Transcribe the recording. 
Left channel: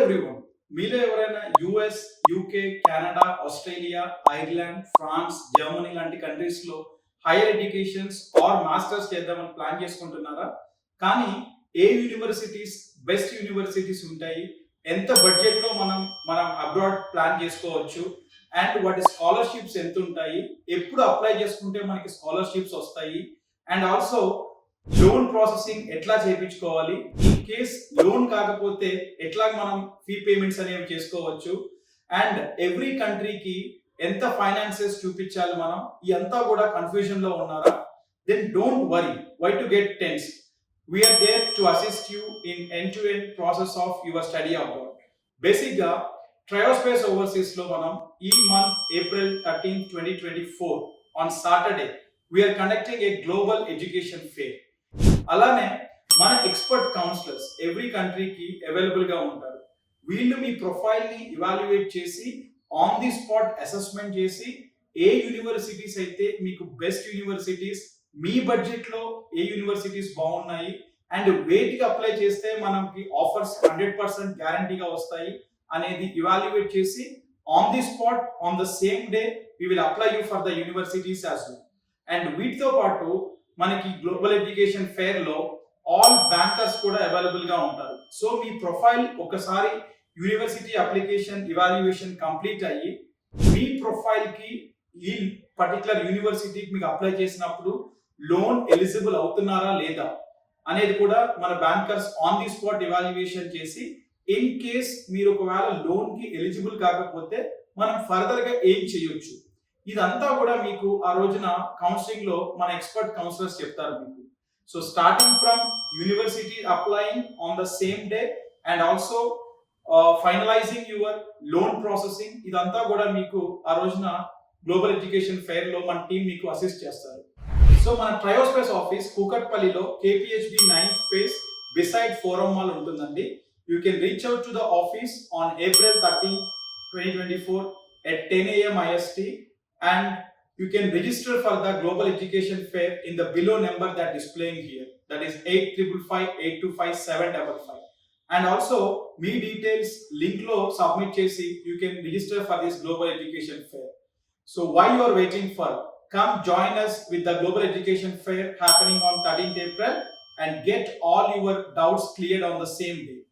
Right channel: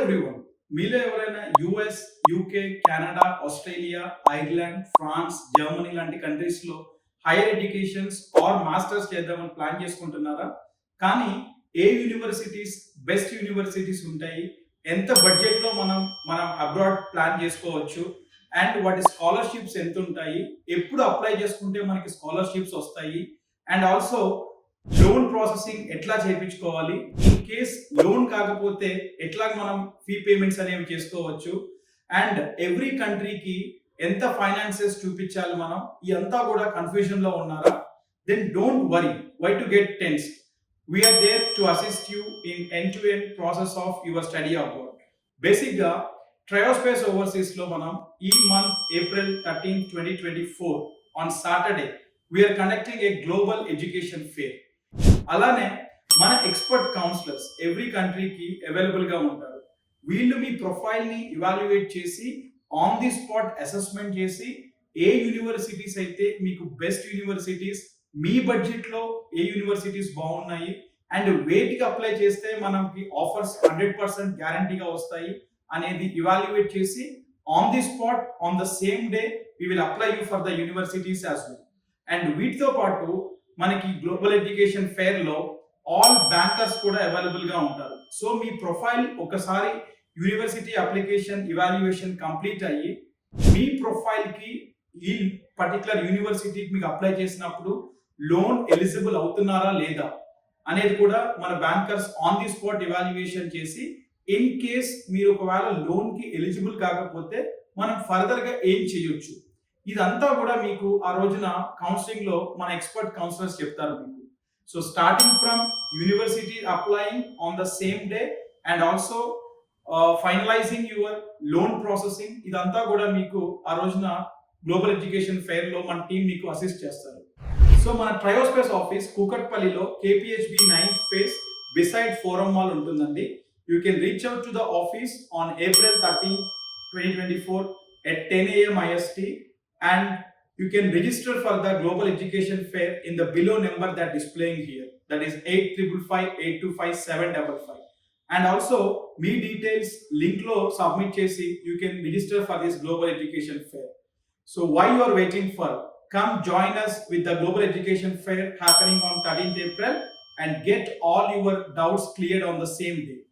Everyone. మీలో ఎవరైనా US, UK, Canada, Australia, Ireland, France, Germany లాంటి కంట్రీస్‌లో హైయర్ ఎడ్యుకేషన్స్ ఆర్ మాస్టర్స్ చేద్దామని ప్లాన్ చేసుకుంటున్నారా? కానీ ఏ యూనివర్సిటీస్ బెస్ట్ యూనివర్సిటీస్ ఉంటాయి? ఎంత బడ్జెట్‌లో మనం అబ్రాడ్ ప్లాన్ చేసుకోవచ్చు? అండ్ వాటి స్కాలర్‌షిప్స్ ఎంతుంటాయి? ఎప్పుడు అప్లై చేసుకుంటే మనకి స్కాలర్‌షిప్స్ వస్తాయి? అండ్ ఆల్సో లోన్ ప్రాసెసింగ్ ఎట్లా చేయించుకోవాలి, ఇన్ కేస్ లోన్ కాకపోతే ఎట్లా మనం ఫీ పేమెంట్స్ అనేవి చేసుకోవచ్చు, అండ్ ఎవ్రీ కంట్రీకి ఎంత ఫైనాన్సెస్ చూపించాలి మనం, ఇదంతా కూడా కన్ఫ్యూజన్ లో ఉన్నారా? Then don't worry, why to get tense. We are there to assist you in end to end process of your study abroad. Basic గా ట్రయోస్పేస్ ఓవర్సీస్ లో మనం ఈ month April 13, 2024 on Saturday we are conducting a global education fair. అలానే మన expert counsellors every కంట్రీకి available గా ఉంటారు. వీళ్ళు మీ ప్రొఫైల్ ని ఇవాల్యుయేట్ చేసి ఆన్ ది స్పాట్ అసెస్మెంట్ చేసి ఏ యూనివర్సిటీస్ అయితే మీకు బెస్ట్ యూనివర్సిటీస్, మీ బడ్జెట్ లో ఏ యూనివర్సిటీస్ బాగున్నాయి అండ్ వేటికి అప్లై చేస్తే మనకి ఆఫర్స్ 100% గ్యారంటీగా వస్తాయి అనేది ఇవాల్యుయేట్ చేసి on the spot on the same day we will apply you for the universities as well. And వీటితో పాటు మనకి గ్లోబల్ ఎడ్యుకేషన్ ఫేర్ లో ఆల్ బ్యాంకర్స్ కూడా అవైలబుల్ గా ఉంటారు. సో మీ ప్రొఫైల్ ఒకసారి యూనివర్సిటీ అప్లికేషన్ ఇవాల్యుయేషన్ కంప్లీట్ అయ్యి మీ ప్రొఫైల్ కి ఈ పర్టికులర్ యూనివర్సిటీకి మీకు అప్లై చేసినప్పుడు లోన్ ఎలిజిబుల్ అవుతున్నారా లేదా అనేది కూడా మన bankers on the spot evaluation చేసి ఇన్ కేస్ మీరు ఒకవేళ లోన్ కి ఎలిజిబుల్ కాకపోతే మనం ఫర్దర్ గా ఏం చేయొచ్చు, ఇదంతా కూడా మీకు ఆ రోజున కౌన్సిలింగ్ లో మన ఎక్స్పర్ట్ కౌన్సిలర్స్ చెప్తారు మీకు. So starting from university applying on the same day and also finalising your loan processing, ఇదంతా కూడా మీకు ఆ రోజున గ్లోబల్ ఎడ్యుకేషన్ ఫెయిర్ లో మన టీం మీకు అసిస్ట్ చేస్తారు. సో మన ట్రయోస్పేస్ ఆఫీస్ కూకట్పల్లిలో KPHB 9th phase beside forum mall ఉంటుందండి. You can reach out to the office on April 13, 2024 at 10 AM IST. And you can register for the Global Education Fair in the below number that displaying here, that is 8555825755. And also me details link lo submit chesi you can register for this Global Education Fair. So while you are waiting for, come join us with the Global Education Fair happening on 13th April and get all your doubts cleared on the same day.